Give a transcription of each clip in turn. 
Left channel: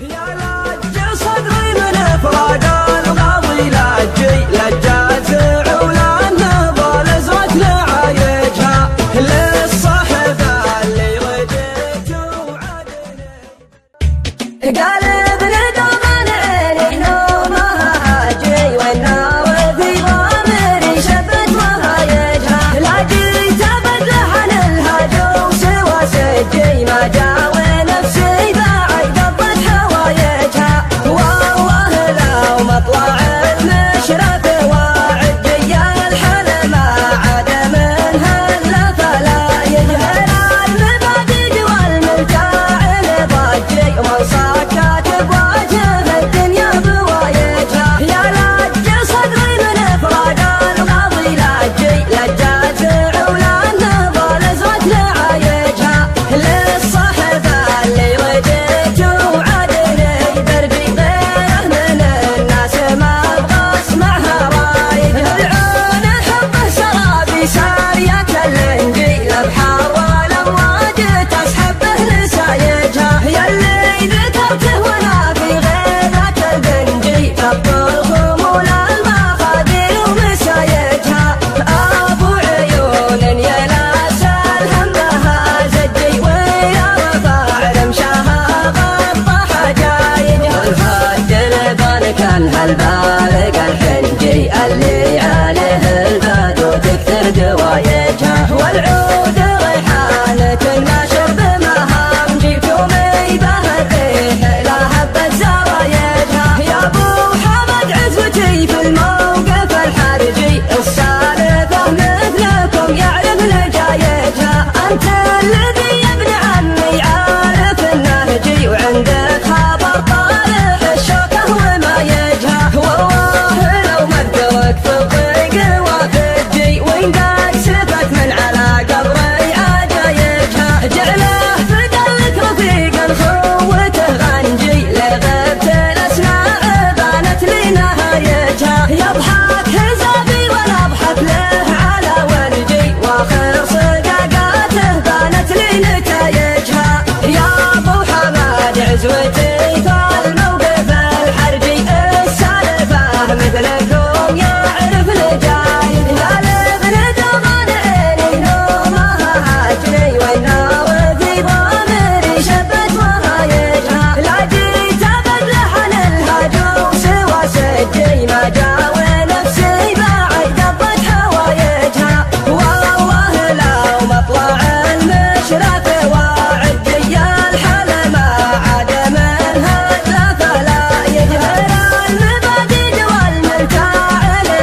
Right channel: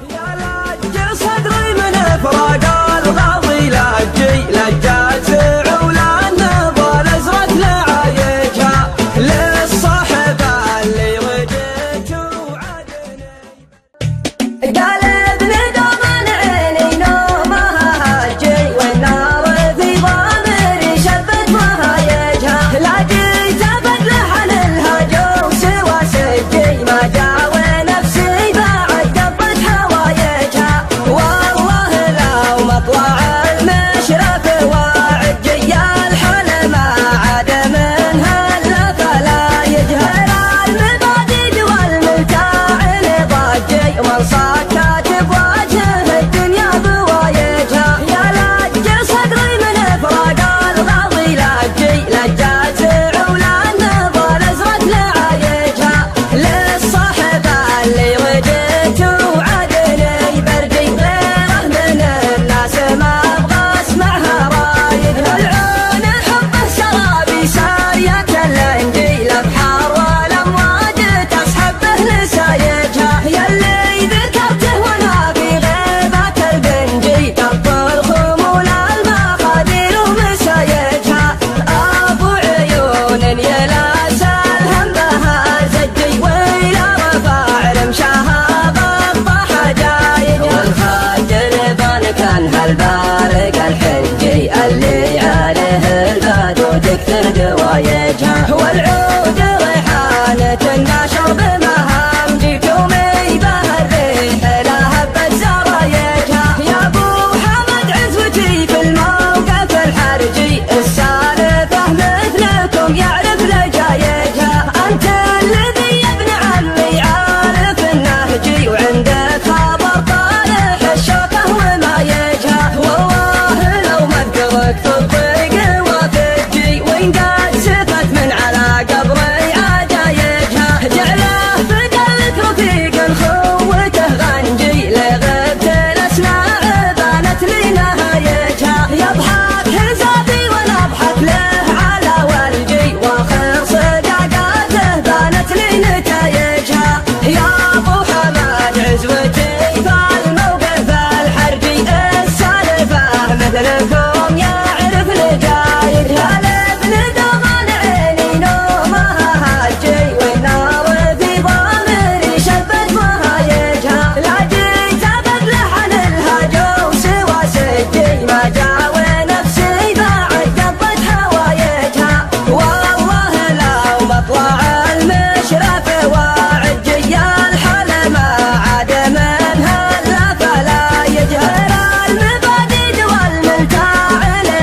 يا لج صدري من فراق الغاضي لجي لجات عولان نبال زرت لعايجها للصحبة اللي وجدت وعدني. قال ابن دومان عيني نومها هاجي والنار في ضامري شبت وهايجها لا جيت ابد لحن الهجو سوى سجي ما جاوي نفسي بعد قضت هوايجها والله لو مطلع المشرف وعجي الحل ما عاد منها الا فلا يجهل المبادئ والملتاع ضجي ومن صكت بوجه الدنيا بوايجها يا لج صدري من فراق الغاضي لجي لجات عولان نبال زرت لعايجها للصحبة اللي وجدت وعدني بردي غيره من الناس ما ابغى اسمعها رايدها العون حبه سرابي سارية الانجيل بحار والامواج تسحبه لسايجها يلي ذكرته وانا في غيبة البنجي كبر خمول المخاذير ومسايجها ابو عيون يلاس الهم بها زجي ويلا رفع رمشها غطى حجايجها والخد البان كان هالبارق الحنجي اللي عليه البدو تكثر دوايجها والعود ريحانة النشر بمهام جيتومي به الريح لا هبت زرايجها يا ابو حمد عزوتي في الموقف الحرجي السالفة مثلكم يعرف لجايجها انت الذي يا ابن عمي عارف النهجي وعندك خبر طارح الشوكة وما يجها والله لو مدرك في الطريق وفجي وإن قد سفت من على قبري عجايجها جعله في قلبك رفيق خوته غنجي لغبت الأسماء بانت لي نهايجها يضحك حزابي وانا اضحك له على والجي واخر صداقاته بانت لي نتايجها يا ابو حماد عزوتي فالموقف الحرجي السالفة مثلكم يعرف لجايجها لابن دومان عيني نومها هاجي والنار في ضامري شبت وهايجها لا جيت ابد لحن الهجو سوى سجي ما جاوي نفسي بعد قضت هوايجها والله لو مطلع المشرف وعجي الحل ما عاد منها الا فلا يجهل المبادئ والملتاع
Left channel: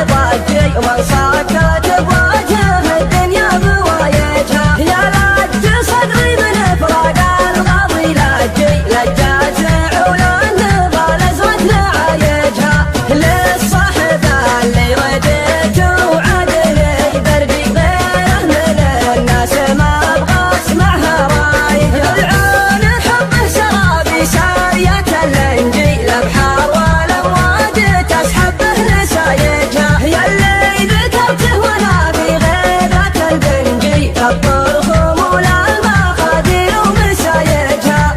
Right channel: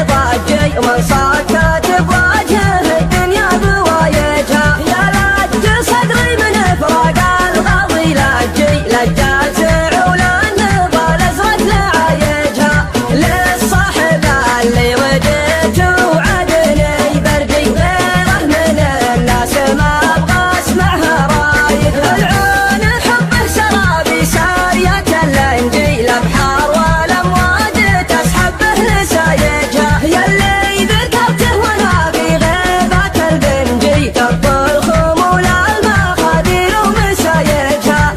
ضجي ومن صكت بوجه الدنيا بوايجها يا لج صدري من فراق الغاضي لجي لجات عولان نبال زرت لعايجها للصحبة اللي وجدت وعدني بردي غيره من الناس ما ابغى اسمعها رايدها العون حبه سرابي سارية الانجيل بحار والامواج تسحبه لسايجها يلي ذكرته وانا في غيبة البنجي كبر خمول المخاذير ومسايجها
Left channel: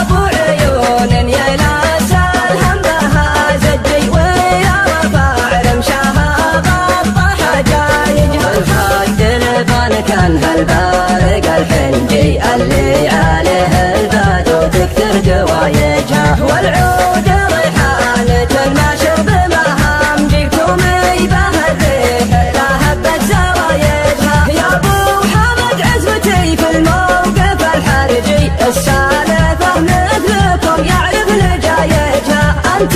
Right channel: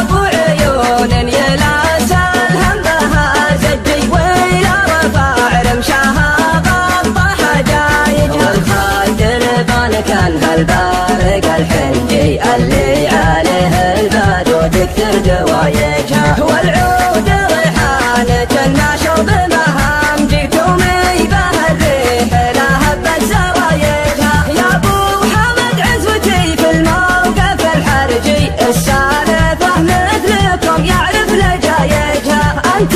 ابو عيون يلاس الهم بها زجي ويلا رفع رمشها غطى حجايجها والخد البان كان هالبارق الحنجي اللي عليه البدو تكثر دوايجها والعود ريحانة النشر بمهام جيتومي به الريح لا هبت زرايجها يا ابو حمد عزوتي في الموقف الحرجي السالفة مثلكم يعرف لجايجها انت